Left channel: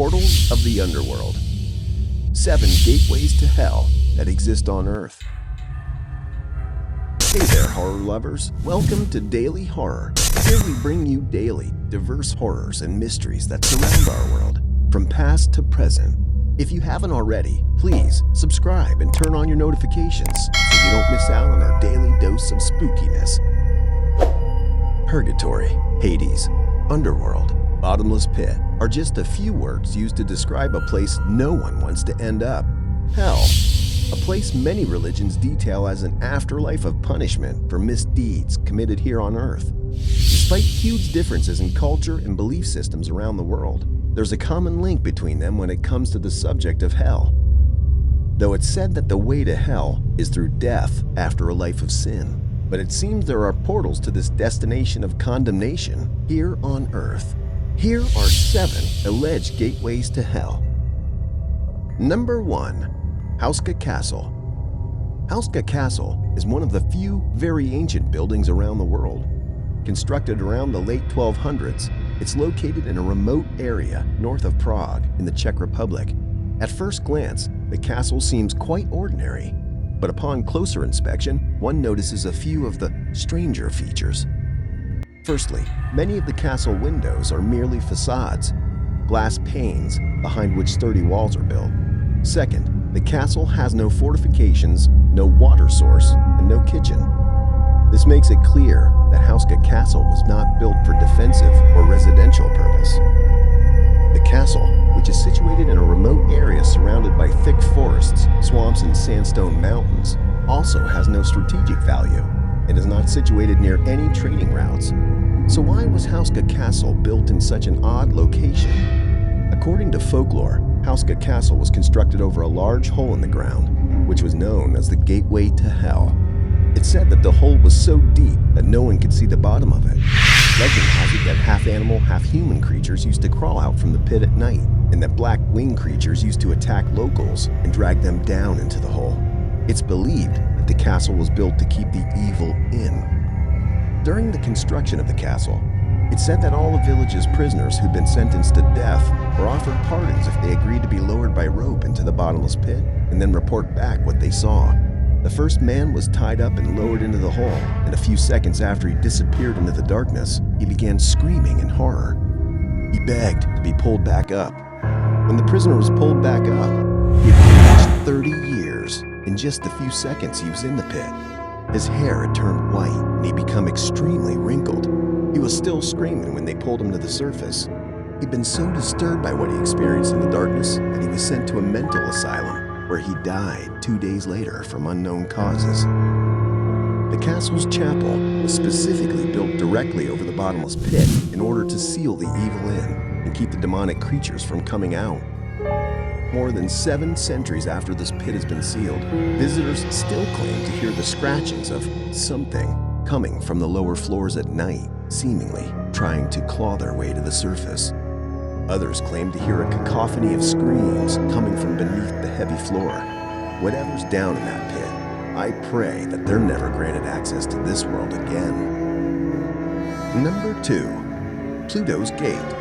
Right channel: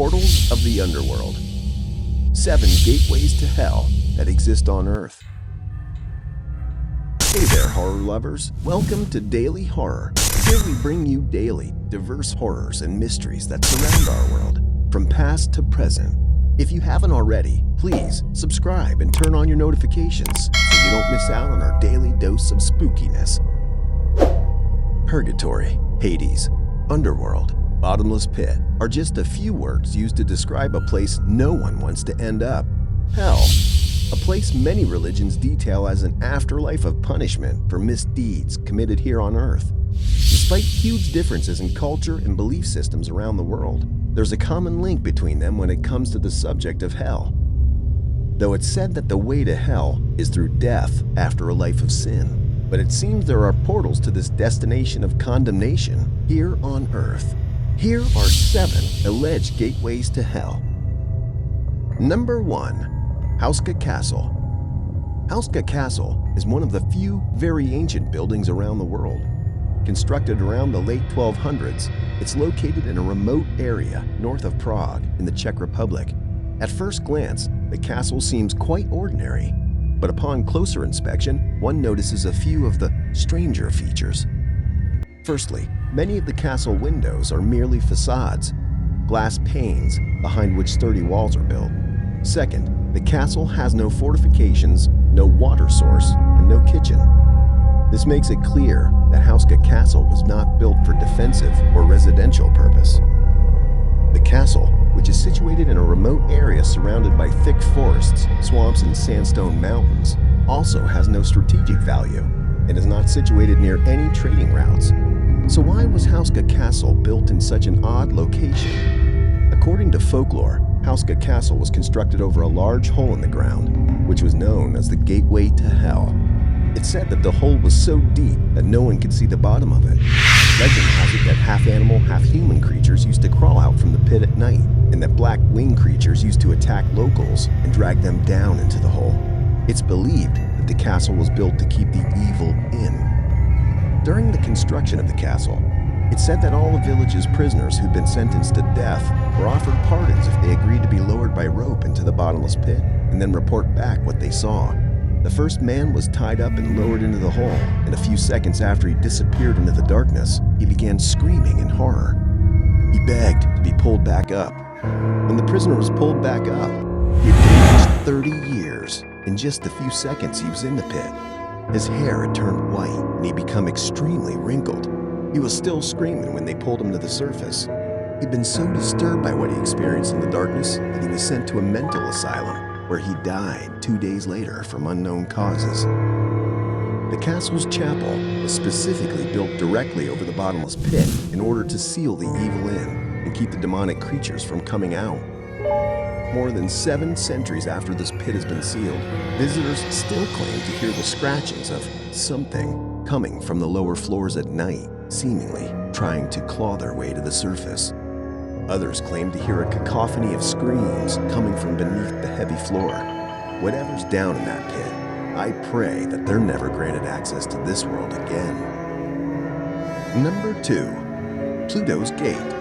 Portals of the Underworld. 7 gateways to hell that exist on Earth. Hey there, horror lovers. Welcome to Daily Horror. Here we bring you daily, diverse horrors and mysteries that surround our world, from past to present. If you haven't already, please subscribe and turn on your notifications so you don't miss out on our daily dose of spookiness. Purgatory, Hades, Underworld, bottomless pit are just a few words used to describe a place no one wants to end up. Hell, a place many religions detail as an afterlife of punishment for misdeeds committed here on Earth. Despite huge differences in culture and belief systems around the world, there's a common link between them when it comes to the subject of hell. Though it's said that the way to hell is through death after a life of sin, but it seems there are portals to this destination of condemnation here on Earth. Here are 7 alleged gateways to hell. Number 1. Houska Castle. Houska Castle is one of the few very ancient buildings around the world. Constructed around the late 1200s, it's located in a remote area north of Prague in the Czech Republic. At first glance, the castle seems quite ordinary, but upon closer inspection, one notices a few of the stranger features. Firstly, many of the castle windows are merely facades, glass panes behind which sturdy walls are built. Second, the castle has no fortifications, no water source, and no kitchen. This makes it clear that Houska Castle was not built for defensive or residential purpose. The castle, which is situated in a remote area surrounded by thick forests, swamps, and sandstone mountains, also has no strategic value and is not situated near any trading routes. So why was Houska Castle built in such an odd location? According to folklore, Houska Castle was constructed over a large hole in the ground, which was known as the Gateway to Hell. It's said that the hole was so deep that no one could see the bottom of it. Legend has it that half-animal, half-human creatures used to crawl out from the pit at night, and that black winged creatures used to attack locals and drag them down into the hole. It's believed that the castle was built to keep the evil in. During the construction of the castle, it's said that all the village's prisoners who'd been sentenced to death were offered pardons if they agreed to be lowered by rope into the bottomless pit and then report back what they saw. The first man was tied up and lowered into the hole, and a few seconds after he disappeared into the darkness, he began screaming in horror. He begged to be pulled back up. When the prisoner was pulled back up, he had aged 30 years. In just a few seconds, he was in the pit. His hair had turned white, and he'd become extremely wrinkled. He was still screaming when they pulled him to the surface. He'd been so disturbed by what he experienced in the darkness that he was sent to a mental asylum, where he died 2 days later from unknown causes. The castle's chapel was specifically built directly over the bottomless pit in order to seal the evil in and keep the demonic creatures from coming out. More than 7 centuries after this pit has been sealed, visitors still claim to hear the scratchings of something coming from the lower floors at night, seemingly trying to claw their way to the surface. Others claim to hear a cacophony of screams coming from beneath the heavy floor. Whatever's down in that pit, I pray that they're never granted access to this world again. Number 2. Plutos Gate.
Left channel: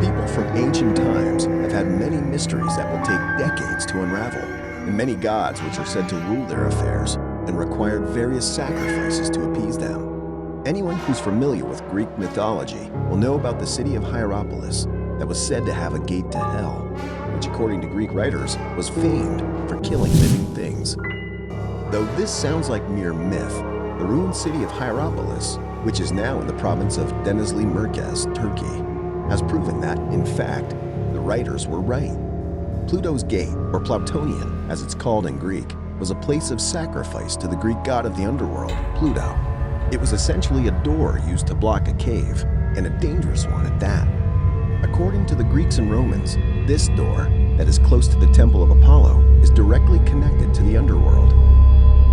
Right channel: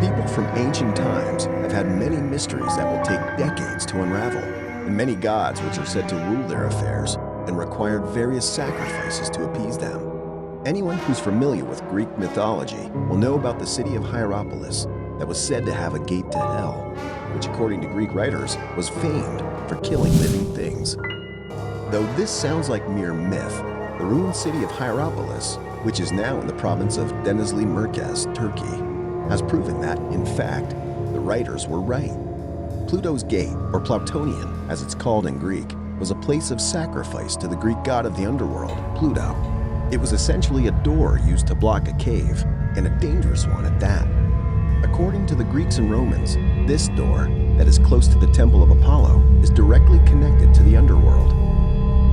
People from ancient times have had many mysteries that will take decades to unravel, and many gods which are said to rule their affairs and required various sacrifices to appease them. Anyone who's familiar with Greek mythology will know about the city of Hierapolis that was said to have a gate to hell, which according to Greek writers was famed for killing living things. Though this sounds like mere myth, the ruined city of Hierapolis, which is now in the province of Denizli Merkez, Turkey, has proven that, in fact, the writers were right. Pluto's Gate, or Plautonian as it's called in Greek, was a place of sacrifice to the Greek god of the underworld, Pluto. It was essentially a door used to block a cave, and a dangerous one at that. According to the Greeks and Romans, this door, that is close to the Temple of Apollo, is directly connected to the underworld.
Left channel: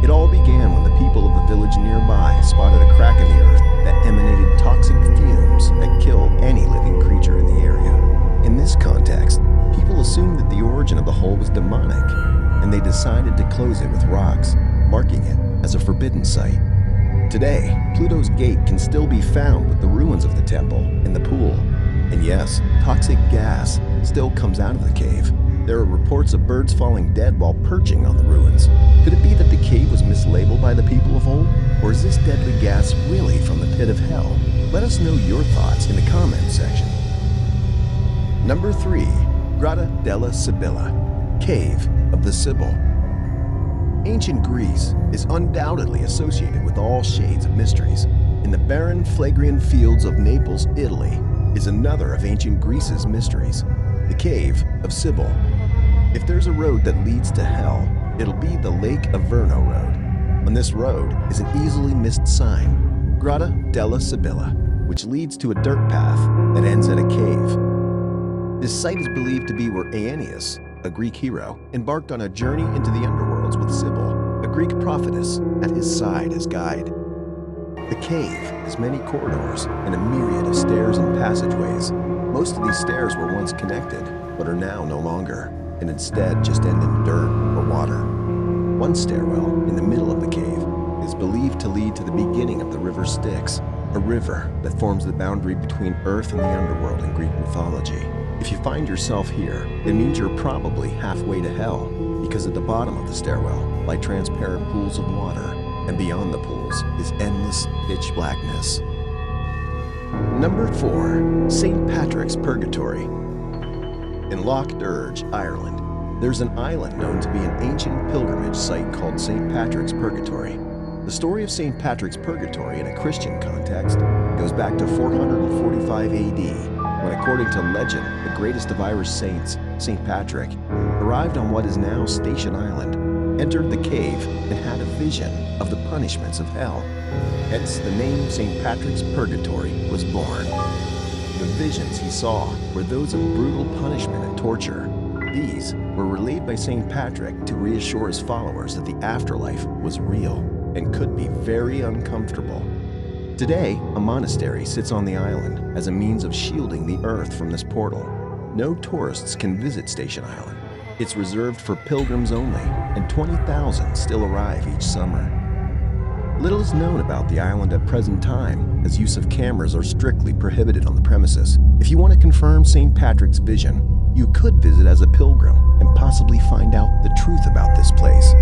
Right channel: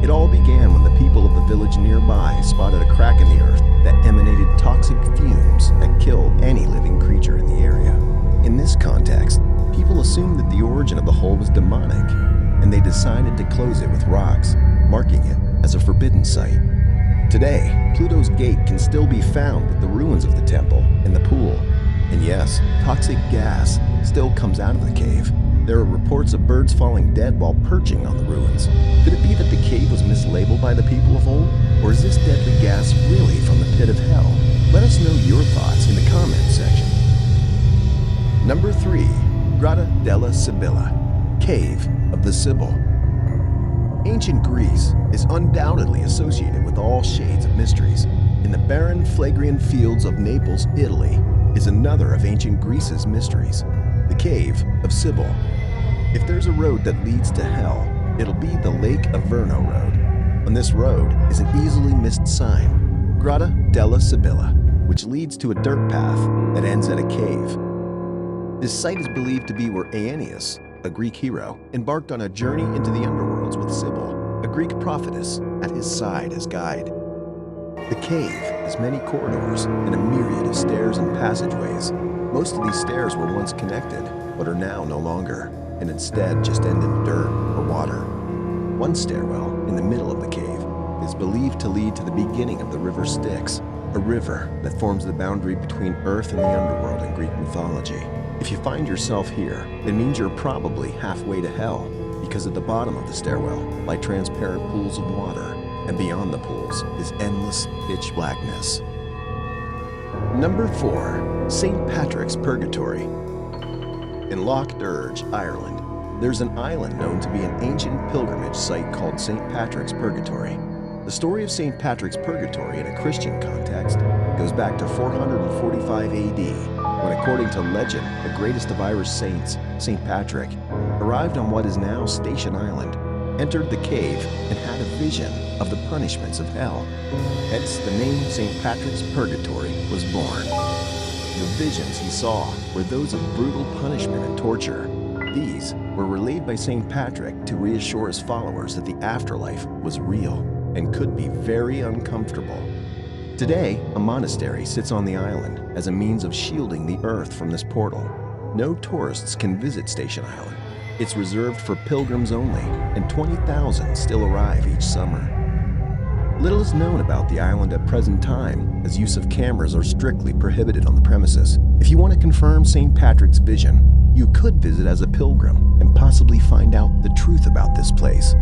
It all began when the people of the village nearby spotted a crack in the earth that emanated toxic fumes that killed any living creature in the area. In this context, people assumed that the origin of the hole was demonic, and they decided to close it with rocks, marking it as a forbidden site. Today, Pluto's Gate can still be found with the ruins of the temple and the pool. And yes, toxic gas still comes out of the cave. There are reports of birds falling dead while perching on the ruins. Could it be that the cave was mislabeled by the people of old? Or is this deadly gas really from the pit of hell? Let us know your thoughts in the comments section. Number 3. Grotto della Sybilla, Cave of the Sibyl. Ancient Greece is undoubtedly associated with all shades of mysteries. In the barren, Phlegraean fields of Naples, Italy, is another of ancient Greece's mysteries, the Cave of Sibyl. If there's a road that leads to hell, it'll be the Lake Averno Road. On this road is an easily missed sign, Grotto della Sybilla, which leads to a dirt path that ends at a cave. This site is believed to be where Aeneas, a Greek hero, embarked on a journey into the underworlds with Sibyl, a Greek prophetess, at his side as guide. The cave has many corridors and a myriad of stairs and passageways. Most of these stairs were once connected, but are now no longer, and instead just end in dirt or water. One stairwell in the middle of the cave is believed to lead to the beginning of the river Styx, a river that forms the boundary between Earth and the underworld in Greek mythology. If you find yourself here, it means you're probably halfway to hell, because at the bottom of the stairwell lie transparent pools of water, and beyond the pools is endless pitch blackness. Number 4. St. Patrick's Purgatory. In Loch Derg, Ireland, there's an island known to be an ancient pilgrimage site called St. Patrick's Purgatory. The story of St. Patrick's Purgatory in a Christian context goes back to 445 AD, when, according to legend, the greatest of Irish saints, St. Patrick, arrived on what is now Station Island, entered the cave, and had a vision of the punishments of hell. Hence, the name St. Patrick's Purgatory was born. The visions he saw were those of brutal punishment and torture. These were relayed by St. Patrick to reassure his followers that the afterlife was real and could be very uncomfortable. Today, a monastery sits on the island as a means of shielding the earth from this portal. No tourists can visit Station Island. It's reserved for pilgrims only, and 20,000 still arrive each summer. Little is known about the island at present time, as use of cameras are strictly prohibited on the premises. If you want to confirm St. Patrick's vision, you could visit as a pilgrim and possibly find out the truth about this place.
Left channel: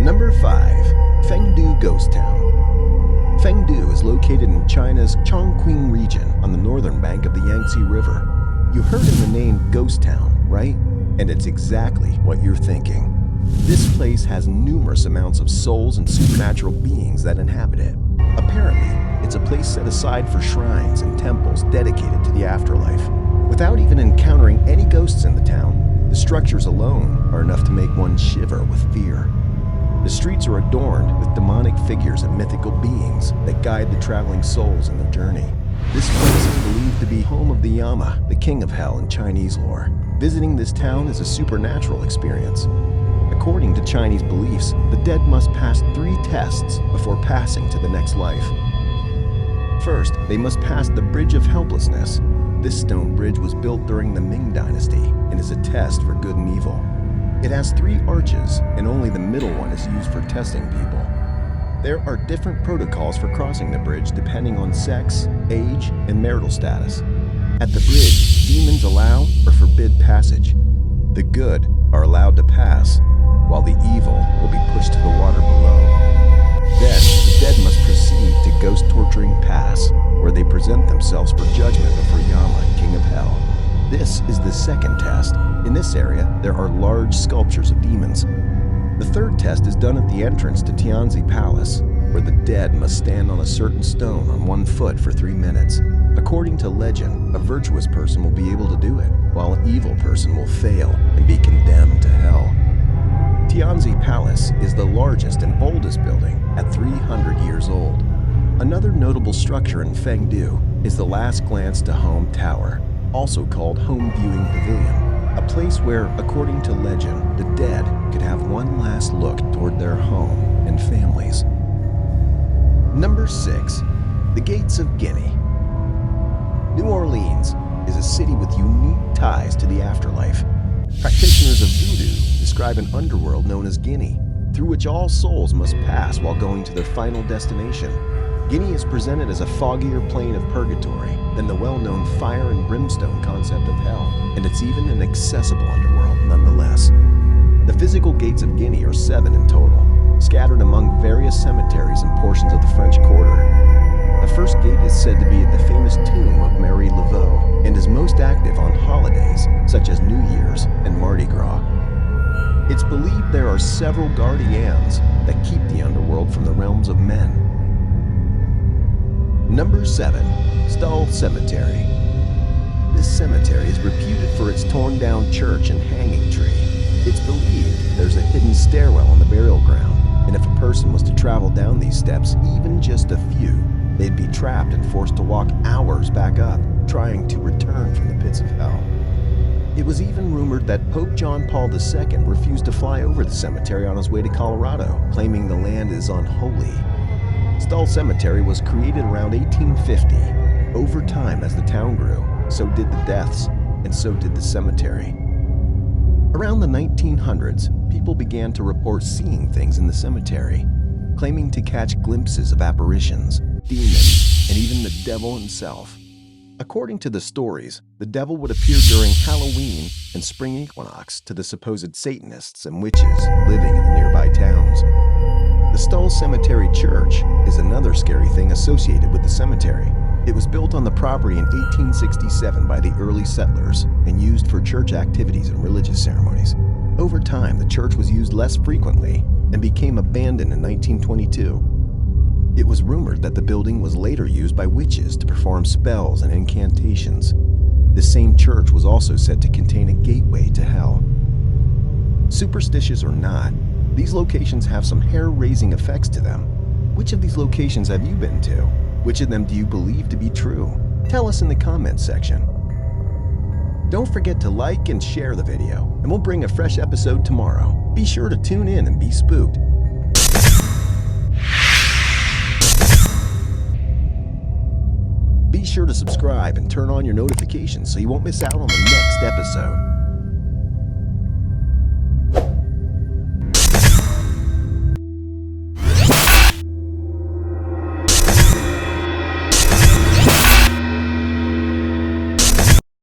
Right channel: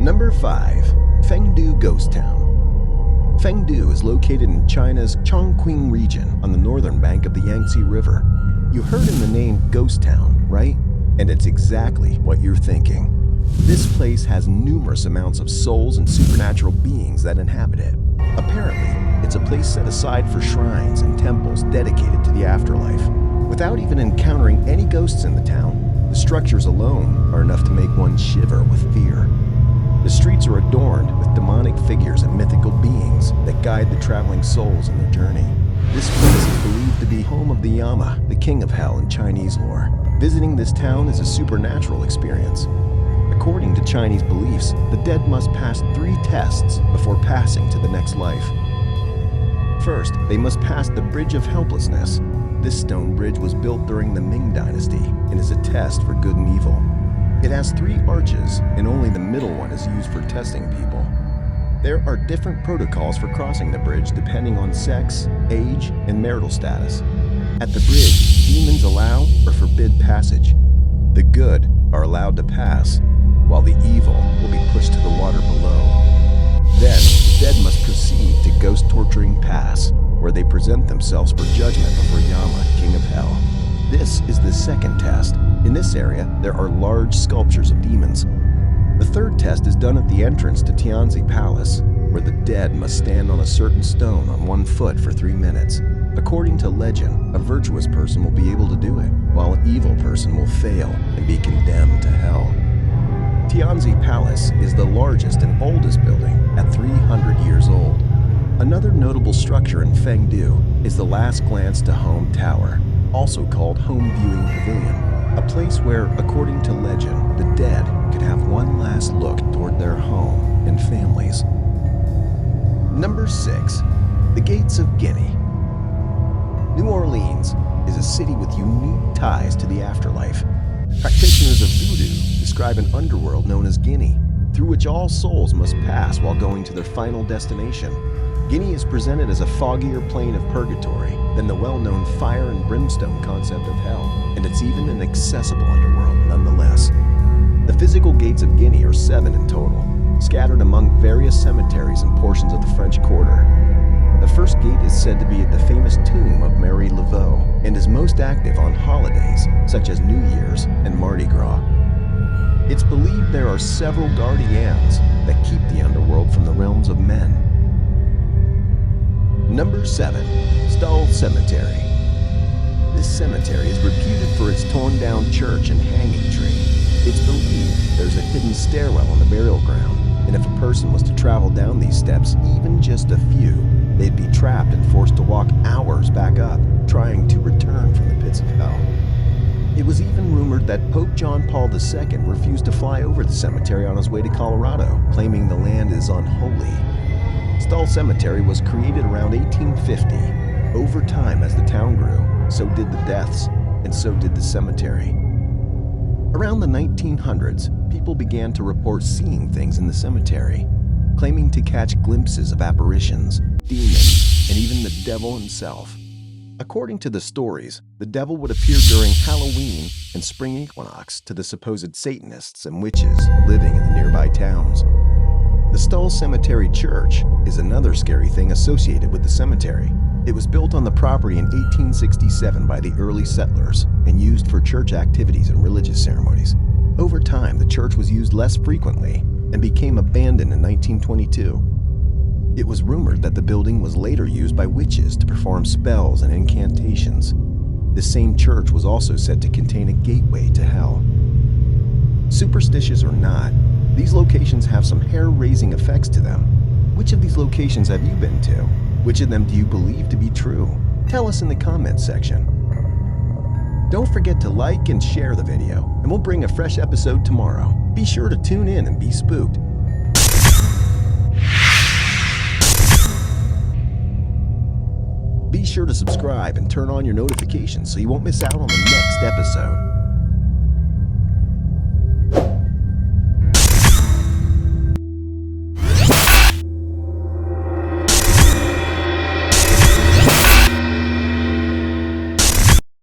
Number 5. Fengdu Ghost Town. Fengdu is located in China's Chongqing region on the northern bank of the Yangtze River. You heard in the name Ghost Town, right? And it's exactly what you're thinking. This place has numerous amounts of souls and supernatural beings that inhabit it. Apparently, it's a place set aside for shrines and temples dedicated to the afterlife. Without even encountering any ghosts in the town, the structures alone are enough to make one shiver with fear. The streets are adorned with demonic figures and mythical beings that guide the traveling souls in their journey. This place is believed to be home of the Yama, the king of hell in Chinese lore. Visiting this town is a supernatural experience. According to Chinese beliefs, the dead must pass 3 tests before passing to the next life. First, they must pass the Bridge of Helplessness. This stone bridge was built during the Ming Dynasty and is a test for good and evil. It has 3 arches, and only the middle one is used for testing people. There are different protocols for crossing the bridge depending on sex, age, and marital status. At the bridge, demons allow or forbid passage. The good are allowed to pass, while the evil will be pushed to the water below. Then, the dead must proceed to Ghost Torturing Pass, where they present themselves for judgment before Yama, king of hell. This is the second test. In this area, there are large sculptures of demons. The third test is done at the entrance to Tianzi Palace, where the dead must stand on a certain stone on 1 foot for 3 minutes. According to legend, a virtuous person will be able to do it, while an evil person will fail and be condemned to hell. Tianzi Palace is the largest and oldest building at 300 years old. Another notable structure in Fengdu is the Last Glance to Home Tower, also called Home Viewing Pavilion, a place where, according to legend, the dead could have one last look toward their home and families. Number 6. The Gates of Guinea. New Orleans is a city with unique ties to the afterlife. Practitioners of voodoo describe an underworld known as Guinea, through which all souls must pass while going to their final destination. Guinea is presented as a foggier plane of purgatory than the well-known fire and brimstone concept of hell, and it's even an accessible underworld nonetheless. The physical Gates of Guinea are 7 in total, scattered among various cemeteries and portions of the French Quarter. The first gate is said to be at the famous tomb of Mary Laveau and is most active on holidays such as New Year's and Mardi Gras. It's believed there are several guardians that keep the underworld from the realms of men. Number 7. Stull Cemetery. This cemetery is reputed for its torn-down church and hanging tree. It's believed there's a hidden stairwell on the burial ground, and if a person was to travel down these steps, even just a few, they'd be trapped and forced to walk hours back up, trying to return from the pits of hell. It was even rumored that Pope John Paul II refused to fly over the cemetery on his way to Colorado, claiming the land is unholy. Stull Cemetery was created around 1850. Over time, as the town grew, so did the deaths, and so did the cemetery. Around the 1900s, people began to report seeing things in the cemetery, claiming to catch glimpses of apparitions, demons, and even the devil himself. According to the stories, the devil would appear during Halloween and spring equinox to the supposed Satanists and witches living in the nearby towns. The Stull Cemetery Church is another scary thing associated with the cemetery. It was built on the property in 1867 by the early settlers and used for church activities and religious ceremonies. Over time, the church was used less frequently and became abandoned in 1922. It was rumored that the building was later used by witches to perform spells and incantations. The same church was also said to contain a gateway to hell. Superstitious or not, these locations have some hair-raising effects to them. Which of these locations have you been to? Which of them do you believe to be true? Tell us in the comments section. Don't forget to like and share the video, and we'll bring a fresh episode tomorrow. Be sure to tune in and be spooked. Be sure to subscribe and turn on your notifications so you won't miss out on the next episode.